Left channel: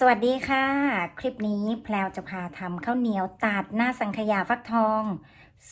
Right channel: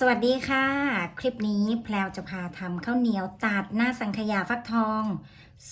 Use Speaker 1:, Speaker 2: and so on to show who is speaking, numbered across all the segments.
Speaker 1: สวัสดีค่ะ คลิปนี้แพลวจะพาทำข้าวเหนียวตัดหน้าสังขยาฟักทอง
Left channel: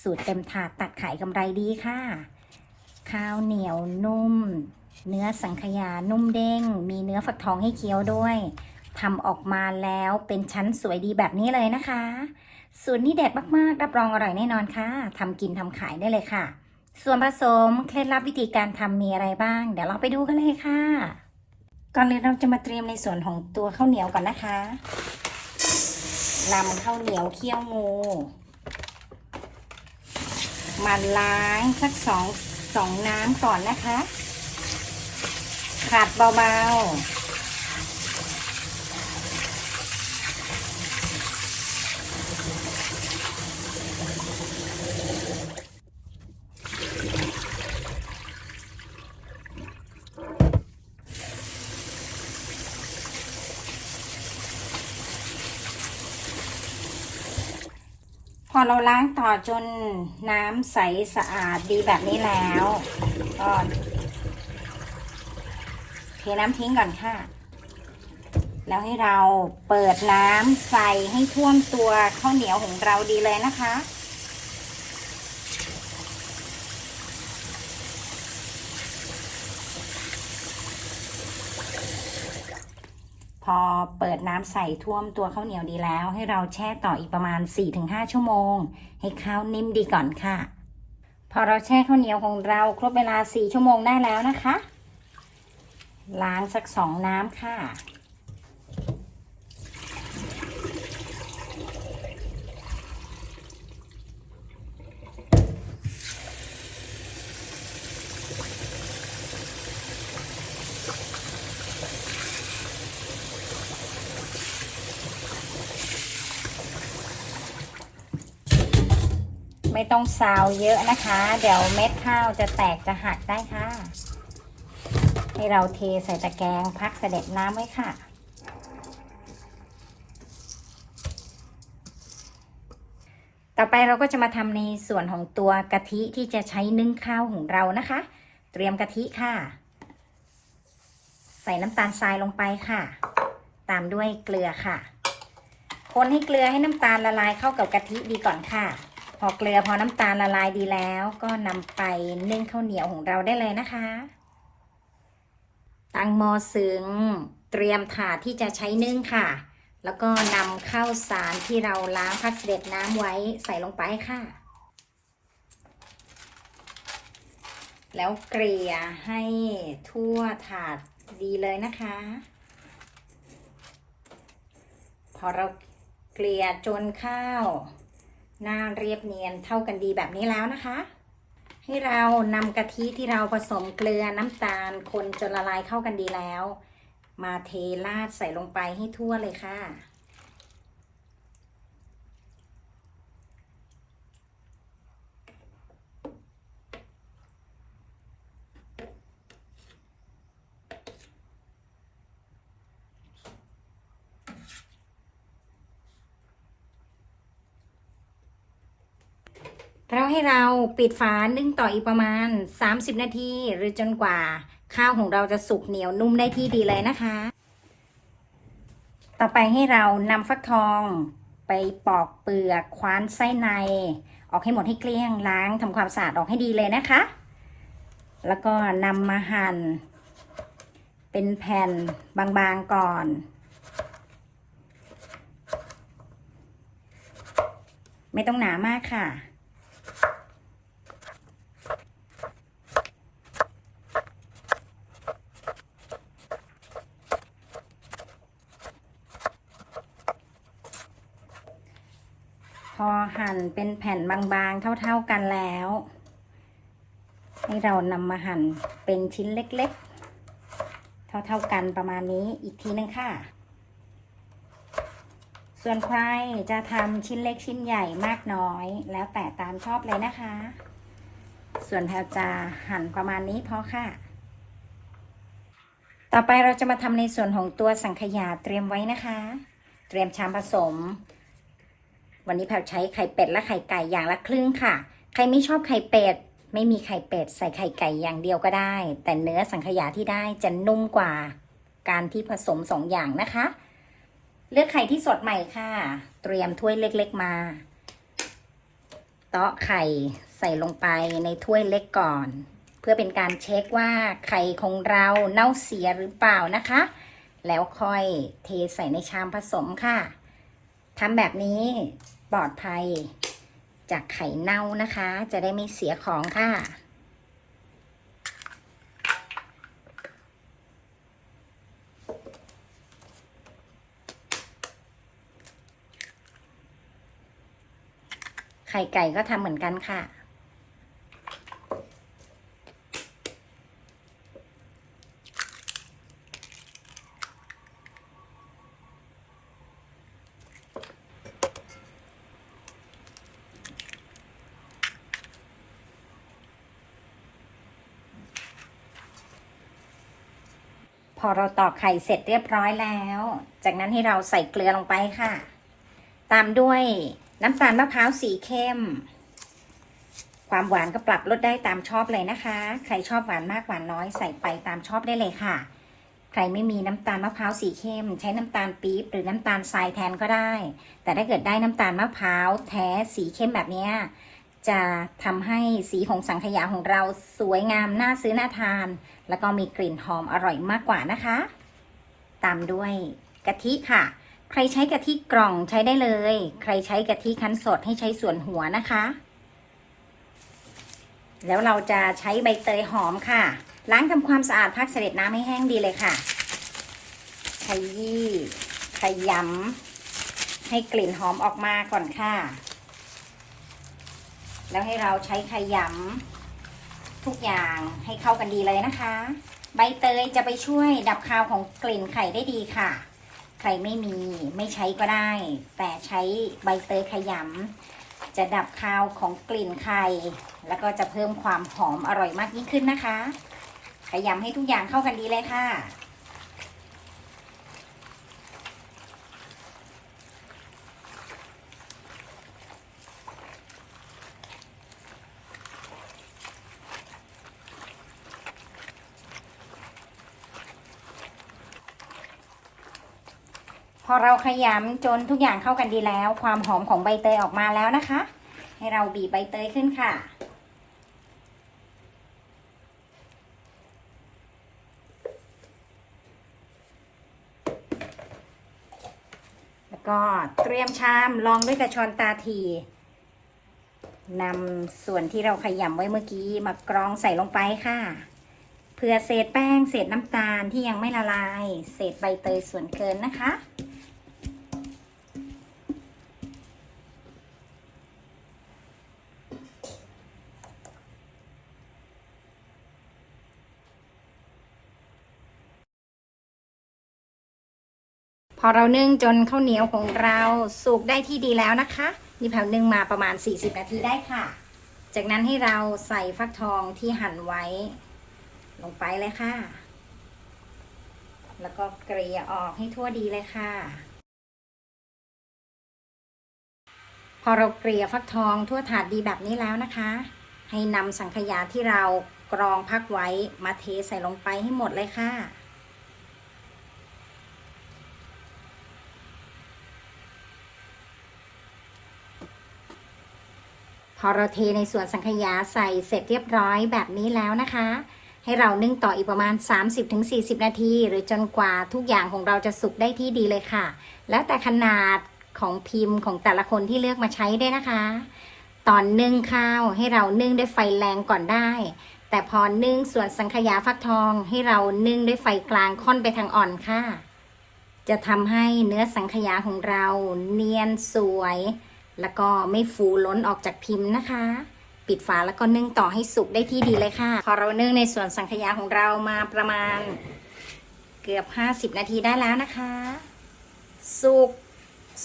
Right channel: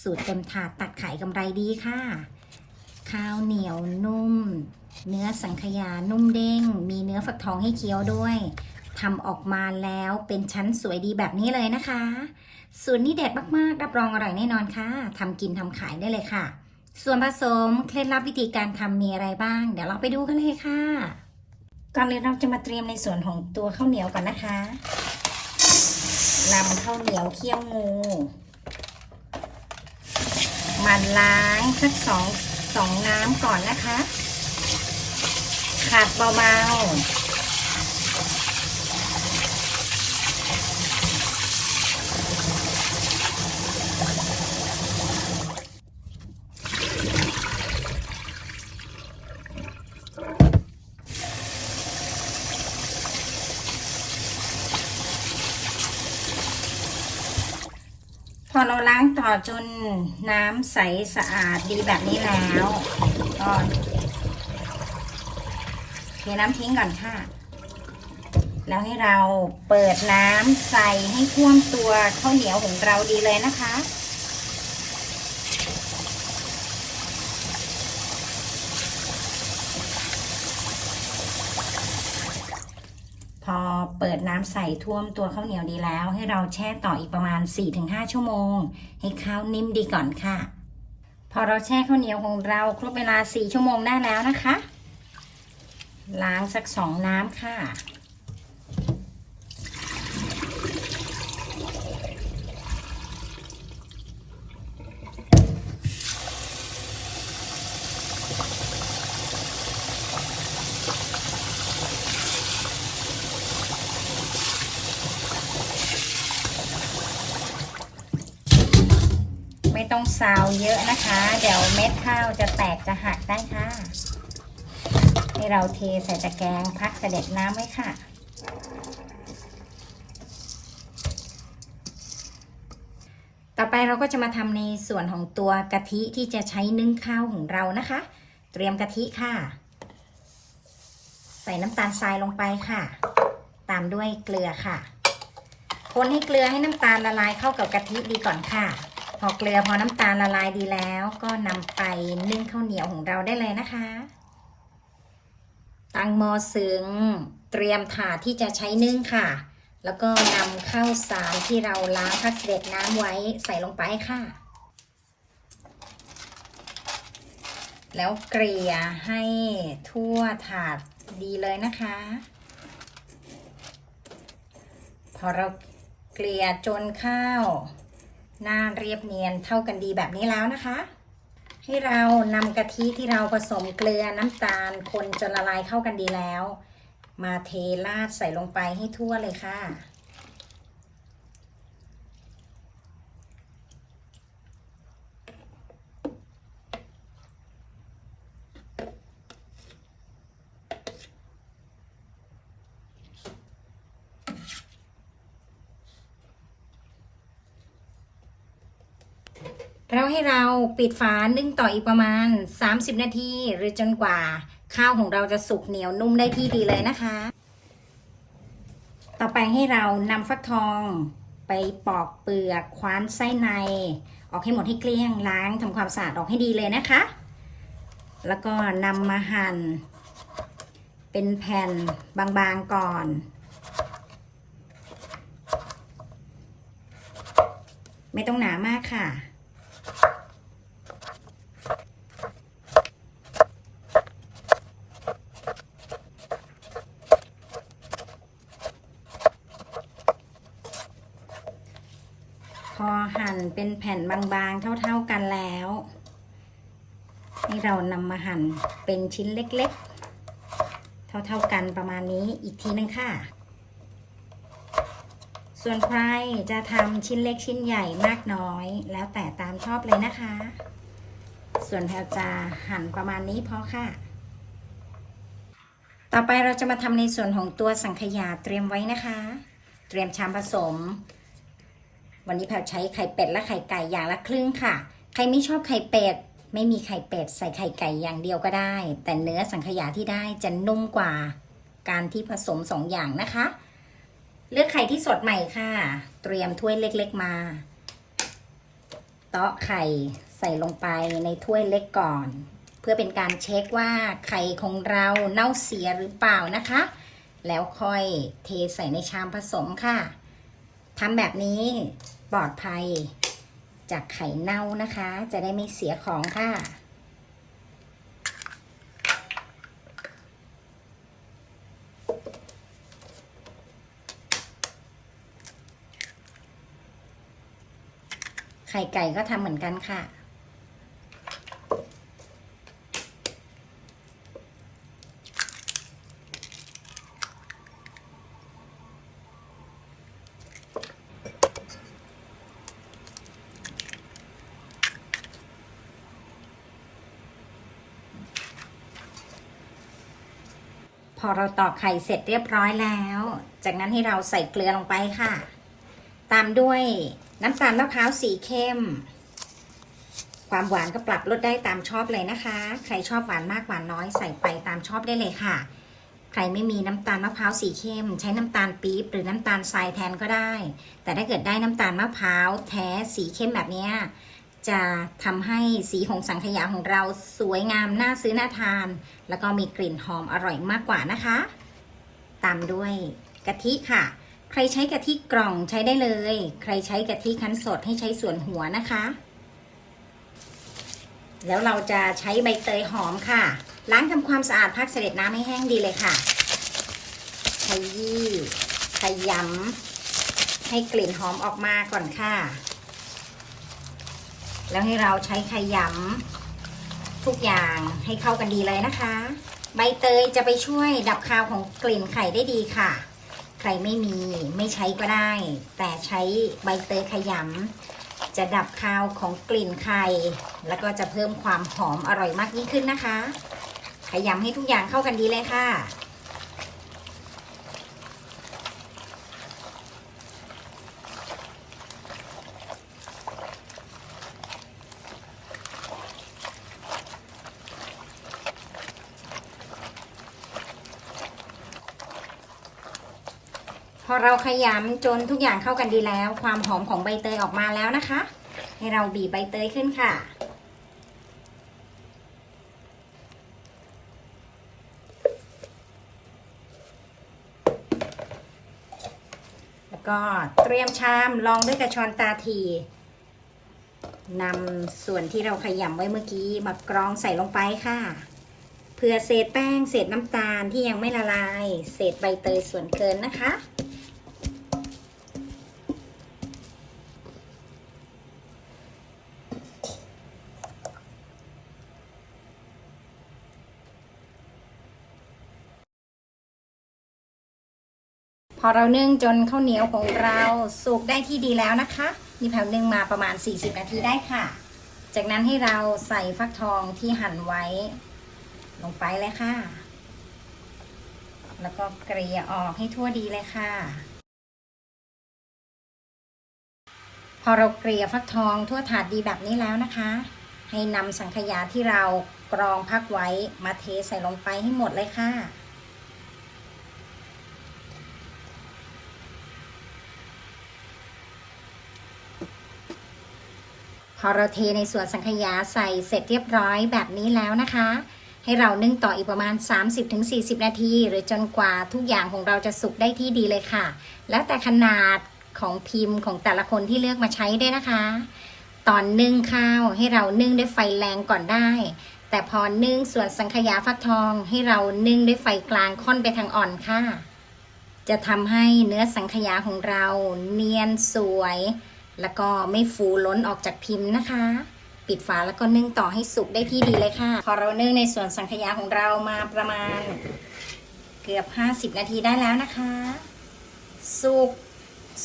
Speaker 1: สูตรเต็มถาดตัดขายกำไรดีค่ะ ข้าวเหนียวนุ่ม เนื้อสังขยานุ่มเด้ง มีเนื้อฟักทองให้เคี้ยวด้วยทำออกมาแล้วเป็นชั้นสวยดีแบบนี้เลยนะคะ สูตรนี้เด็ดมากๆ รับรองอร่อยแน่นอนค่ะทำกินทำขายได้เลยค่ะ ส่วนผสมเคล็ดลับวิธีการทำมีอะไรบ้าง เดี๋ยวเราไปดูกันเลยค่ะ ก่อนเลยเราจะมาเตรียมในส่วนของตัวข้าวเหนียวก่อนนะคะนำข้าวเหนียวเคี่ยวงูมาล้างสักสองสองน้ำก่อนนะคะ ขัดเบาๆ เราล้างต่อจนน้ำใสสะอาดดีแบบนี้แล้วก็เทน้ำทิ้งก่อนค่ะ แล้วให้เราเปิดน้ำใส่ให้ท่วมตัวข้าวเหนียวของเราดีเลยนะคะ พอเปิดน้ำใส่ท่วมตัวข้าวเหนียวดีแล้ว ให้เราแช่ต่ออีกประมาณ 4-5 ชั่วโมง ให้ข้าวนิ่มดีก่อนค่ะ พอเราแช่ข้าวเหนียวของเราครบเวลา 4 ชั่วโมงได้แล้วนะคะ ล้างสักสองน้ำค่ะ ต้องซาวเยอะนะคะ เดี๋ยวเม็ดข้าวจะแตกจะหักได้ค่ะให้เราเทใส่ตะแกรงพักเสด็จน้ำไว้ค่ะ ต่อไปเราก็จะมาทำในส่วนของตัวกะทิที่จะใช้นึ่งข้าวของเรานะคะ เตรียมกะทิค่ะ ใส่น้ำตาลทรายลงไปค่ะ ตามด้วยเกลือค่ะคนให้เกลือให้น้ำตาลละลายเข้ากับกะทิดีก่อนค่ะ พอเกลือพอน้ำตาลละลายดีแล้ว ก็นำไปนึ่งข้าวเหนียวของเราได้เลยนะคะ ตั้งหม้อซึ้งเตรียมถาดที่จะใช้นึ่งค่ะ แล้วก็นำข้าวสารที่เราล้างพักเด็จน้ำไว้ใส่ลงไปค่ะ แล้วเกลี่ยให้ทั่วถาดดีเลยนะคะ พอเราเกลี่ยจนข้าว หน้าเรียบเนียนเท่ากันดีแบบนี้แล้วนะคะ ให้เรานำกะทิที่เราผสมเกลือน้ำตาลคนจนละลายเข้ากันดีแล้ว มาเทราดใส่ลงไปให้ทั่วเลยค่ะ แล้วให้เราปิดฝานึ่งต่ออีกประมาณ 30 นาที หรือจนกว่า ข้าวของเราจะสุกเหนียวนุ่มได้ที่ดีเลยนะคะ ต่อไปให้เรานำฟักทองไปปอกเปลือกคว้านไส้ใน ออกให้หมดให้เกลี้ยงล้างทำความสะอาดออกให้ดีเลยนะคะ แล้วก็นำมาหั่นเป็นแผ่นบางๆก่อนไม่ต้องหนามากค่ะ พอหั่น เป็นแผ่นบางๆ เท่าๆกันแล้วให้เรานำมาหั่นเป็นชิ้นเล็กๆ เท่าๆกันประมาณนี้อีกทีนึงค่ะ ส่วนใครจะทำชิ้นเล็กชิ้นใหญ่มากน้อย แล้วแต่ตามชอบเลยนะคะ ส่วนแพลจะหั่นประมาณนี้พอค่ะ ต่อไปเราจะมาทำในส่วนของตัวสังขยาเตรียมไว้นะคะ เตรียมชามผสม วันนี้แพลใช้ไข่เป็ดและไข่ไก่อย่างละครึ่งค่ะ ใครไม่ชอบไข่เป็ด ไม่มีไข่เป็ด ใส่ไข่ไก่อย่างเดียวก็ได้ แต่เนื้อสังขยาที่ได้จะนุ่มกว่า การที่ผสมสองอย่างนะคะ เลือกไข่ที่สดใหม่ค่ะ เตรียมถ้วยเล็กๆมา เตาะไข่ใส่ลงไปในถ้วยเล็กก่อน เพื่อเป็นการเช็คว่าไข่ของเราเน่าเสียหรือเปล่านะคะ แล้วค่อยเทใส่ในชามผสมค่ะ ทำแบบนี้ปลอดภัยจากไข่เน่านะคะ จะได้ไม่เสียของค่ะ ไข่ไก่ก็ทำเหมือนกันค่ะ อเราตอกไข่เสร็จเรียบร้อยแล้ว จากนั้นให้เราใส่เกลือลงไปค่ะ ตามด้วยน้ำตาลมะพร้าวสีเข้ม ความหวานก็ปรับลดได้ตามชอบเลยนะคะ ใครชอบหวานมากหวานน้อยใส่ไปตามชอบได้เลยค่ะ ใครไม่มีน้ำตาลมะพร้าวสีเข้ม ใช้น้ำตาลปี๊บหรือน้ำตาลทรายแทนก็ได้ แต่ถ้าเกิดได้น้ำตาลมะพร้าวแท้สีเข้มแบบนี้ จะทำให้สีของสังขยาของเราสวยงามน่าซื้อน่าทาน แล้วก็มีกลิ่นหอมอร่อยมากกว่านะคะ ตามด้วยกะทิค่ะ ใครใช้กะทิกล่องใช้ได้เลย ใครใช้กะทิคั้นสดให้ใช้ส่วนหัวนะคะ แล้วเราจะใช้ใบเตยหอมค่ะ ล้างทำความสะอาดพักเสด็จน้ำให้แห้งดีเลยค่ะขยี้ขยำให้กลิ่นหอมออกมาก่อนค่ะ แล้วให้เราใช้ขยำทุกอย่างให้เข้ากันดีเลยนะคะ ใบเตยจะไปช่วยดับคาวของกลิ่นไข่ได้ดีค่ะ ใครไม่มีไม่ใช้ก็ได้ แต่ใช้ใบเตยขยำจะดับคาวของกลิ่นไข่ แล้วก็จะเพิ่มความหอมอร่อยมากยิ่งขึ้นนะคะ ขยำให้ทุกอย่างเข้ากันดีเลยค่ะ พอเราขยำจนทุกอย่างเข้ากันดีแล้ว ความหอมของใบเตยออกมาแล้วนะคะ ให้เราบีบใบเตยขึ้นค่ะ แล้วก็เตรียมชามรองด้วยกระชอนตาทีนำส่วนที่เราขยำไว้เมื่อกี้มากรองใส่ลงไปค่ะเผื่อเศษแป้ง เศษน้ำตาลที่ยังไม่ละลาย เศษใบเตยส่วนเกินนะคะ อเรานึ่งจนข้าวเหนียวของเราสุกได้ที่ดีแล้วนะคะนี่แผ่วนึ่งมาประมาณ 40 นาทีได้ค่ะ จากนั้นให้เราใส่ฟักทองที่หั่นไว้ ลงไปเลยค่ะ แล้วก็เกลี่ยออกให้ทั่วดีเลยค่ะ พอเราเกลี่ยฟักทองทั่วถาดดีแบบนี้แล้วนะคะ ให้นำสังขยาที่เรากรองพักไว้มาเทใส่ลงไปให้หมดเลยค่ะ พ อเราเทในส่วนสังขยาใส่เสร็จเรียบร้อยแบบนี้แล้วนะคะ ให้เรานึ่งต่ออีกประมาณ 30-40 นาที หรือจนกว่าทุกอย่างของเราจะสุกได้ที่ดีเลยค่ะ แล้วแต่ขนาดของพิมพ์ของแต่ละคนที่เลือกมาใช้ด้วยนะคะ ตอนนึ่งข้าวให้เรานึ่งด้วยไฟแรงก่อนได้ แต่พอนึ่งส่วนสังขยาฟักทองให้เรานึ่งด้วยไฟกลางค่อนไปทางอ่อนค่ะ จะทำให้เนื้อสังขยาของเราเนียนสวย แล้วก็ไม่ฟูล้นออกจากพิมพ์นะคะ ปิดฝาแล้วก็นึ่งต่อให้สุกได้ที่ดีเลยค่ะ พอเรานึ่งในส่วนสังขยาของเรามาประมาณเกือบ 50 นาทีได้แล้วนะคะ สุก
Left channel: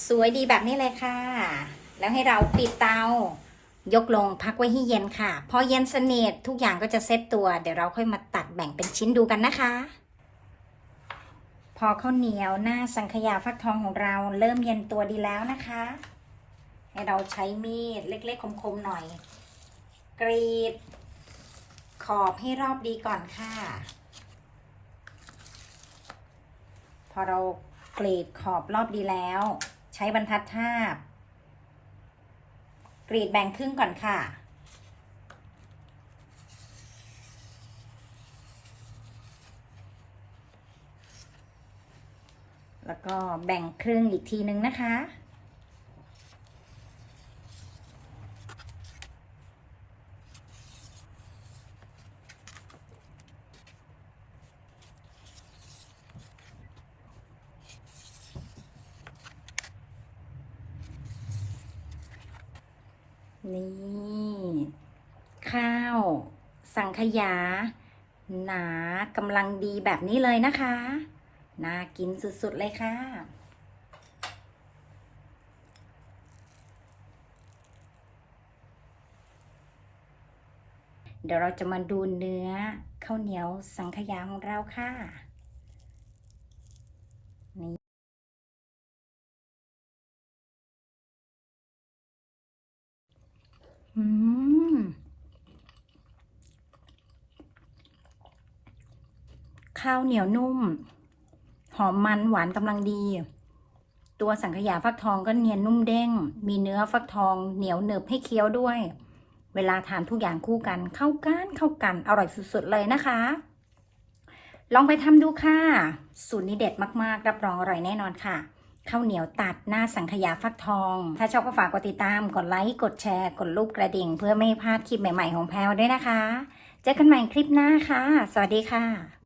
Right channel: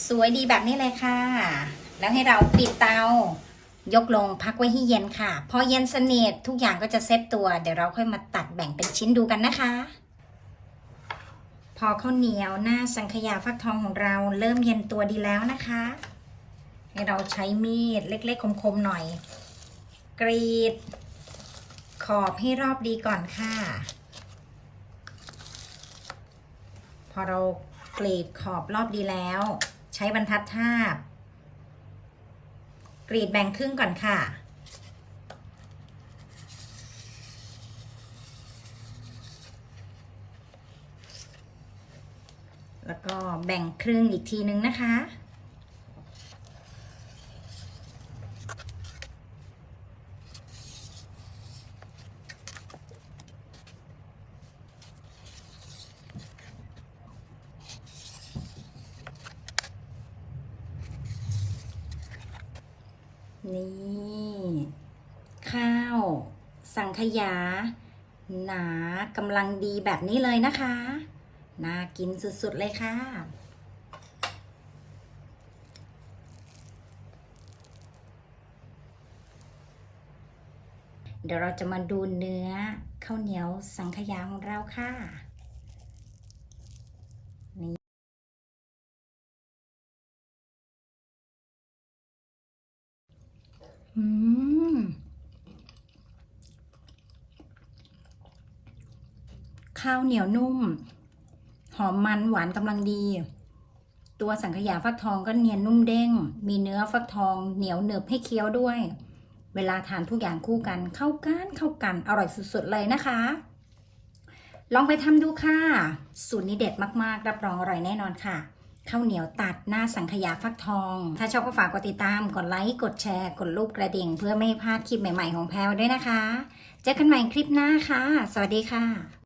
Speaker 1: สวยดีแบบนี้เลยค่ะ แล้วให้เราปิดเตา ยกลงพักไว้ให้เย็นค่ะ พอเย็นสนิททุกอย่างก็จะเซ็ตตัว เดี๋ยวเราค่อยมาตัดแบ่งเป็นชิ้นดูกันนะคะ พอข้าวเหนียวหน้าสังขยาฟักทองของเราเริ่มเย็นตัวดีแล้วนะคะ ให้เราใช้มีดเล็กๆคมๆหน่อย กรีด ขอบให้รอบดีก่อนค่ะ พอเรากรีดขอบรอบดีแล้ว ใช้บรรทัดทาบ กรีดแบ่งครึ่งก่อนค่ะแล้วก็แบ่งครึ่งอีกทีนึงนะคะ นี่ข้าว สังขยา หนากำลังดีแบบนี้เลยนะคะ น่ากินสุดๆเลยค่ะเดี๋ยวเราจะมาดูเนื้อข้าวเหนียวสังขยาของเราค่ะ อืมข้าวเหนียวนุ่ม หอมมันหวานกำลังดี ตัวสังขยาฟักทองก็เนียนนุ่มเด้ง มีเนื้อฟักทองเหนียวหนึบให้เคี้ยวด้วย เวลาทานทุกอย่างคู่กันเข้ากันเข้ากันอร่อยสุดๆเลยนะคะ ลองไปทำดูค่ะ สูตรนี้เด็ดมากๆ รับรองอร่อยแน่นอนค่ะ ข้าวเหนียวตัดหน้าสังขยาฟักทอง ถ้าชอบก็ฝากกดติดตาม กดไลค์ กดแชร์ กดรูปกระดิ่ง เพื่อไม่พลาดคลิปใหม่ๆของแพลวด้วยนะคะ เจอกันใหม่คลิปหน้าค่ะ สวัสดีค่ะ